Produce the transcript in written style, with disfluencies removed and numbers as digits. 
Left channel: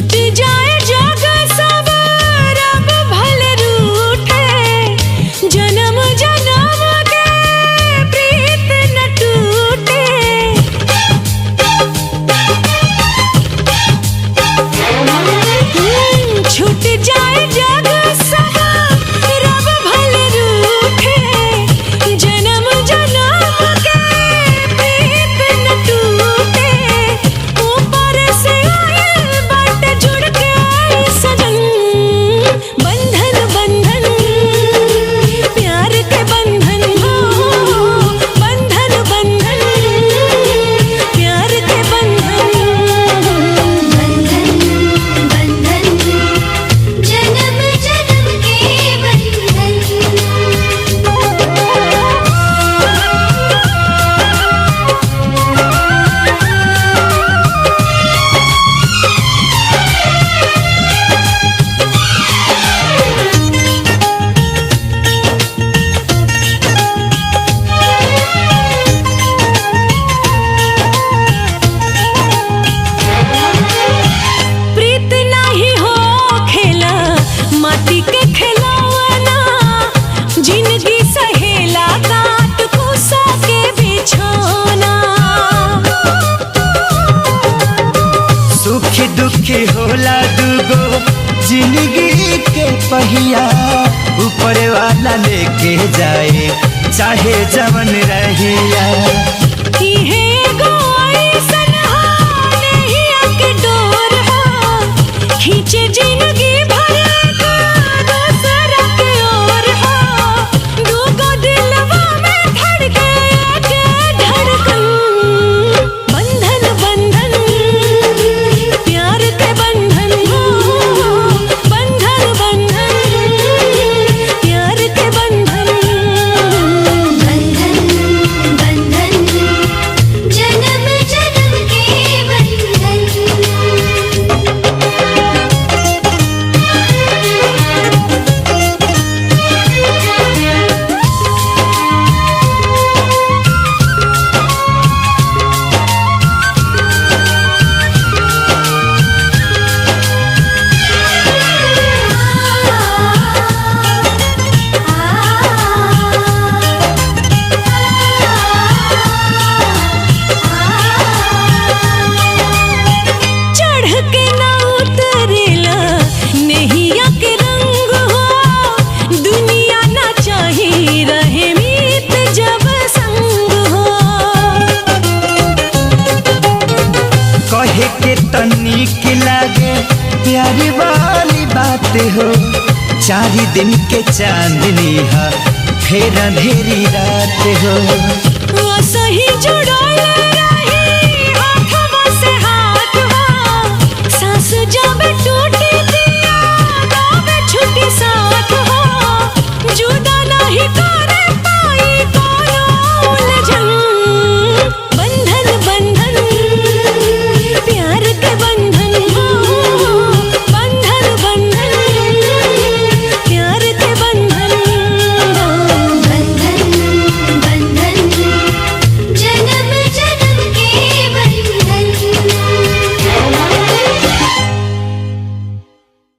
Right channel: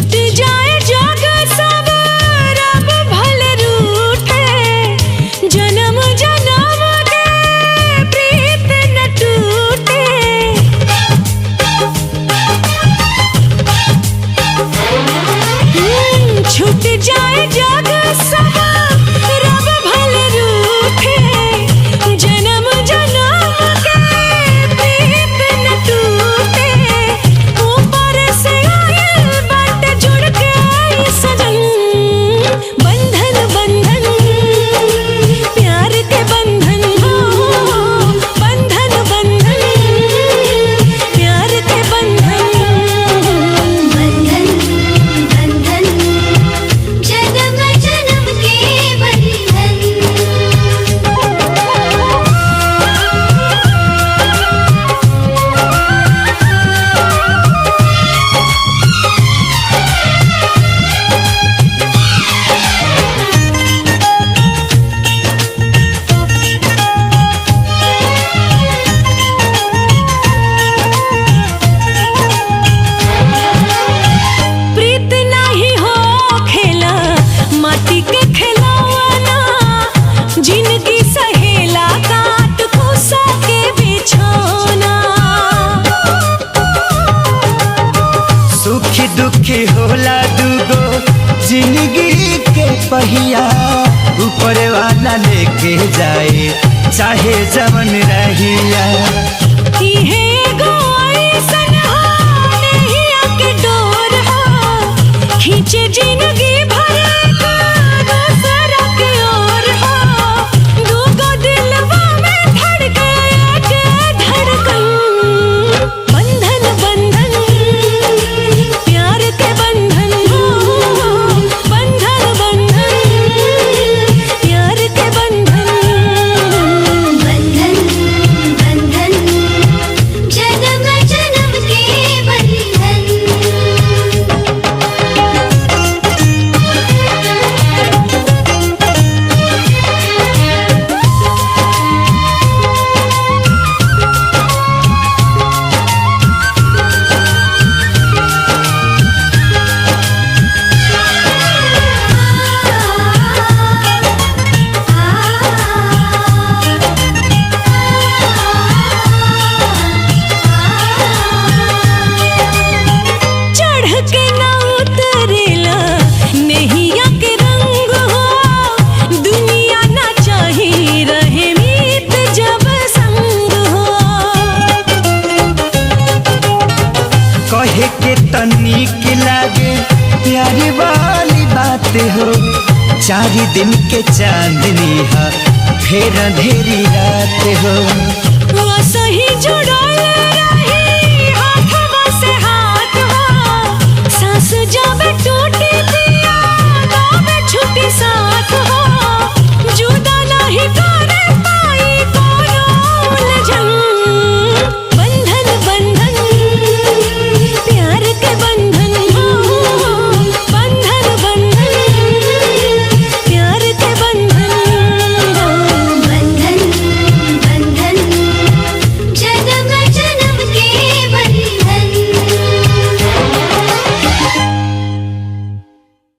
छूट जाए जग सब रब भले रूठे, जन्म जन्म के प्रीत न टूटे। छूट जाए जग सब रब भले रूठे, जन्म जन्म के प्रीत न टूटे। ऊपर से आए बाट जुड़ के आए सजन, बंधन बंधन प्यार के बंधन हो, बंधन बंधन प्यार के बंधन। जन्म जन्म के बंधन। प्रीत नाही हो खेला माटी के खिलौना, जिंदगी सहेला काट कुसा के बिछौना। सुखी दुखी होला दुगो जिंदगी के पहिया, ऊपर वाला लेके जाए चाहे जवन रहिया। इहे एगो अइसन हो नहिया के डोर हो, खींचे जिंदगी भर का दूसरा के ओर हो। दूगो दिलवा में धड़के एक धड़कन, बंधन बंधन प्यार के बंधन हो, बंधन बंधन प्यार के बंधन। बंधन बंधन जन्म जन्म के बंधन। चढ़ के ना उतरेला नैया के रंग हो, दुनिया ना चाही रहे मीत जब संग हो। कहे के तनिक लागे प्यारी वाली बात हो, 4 दिन के चांदनी है फिर अंधेरी रात हो। सही जुड़ल रही हाथवा से हाथ हो, सांस जब टूटी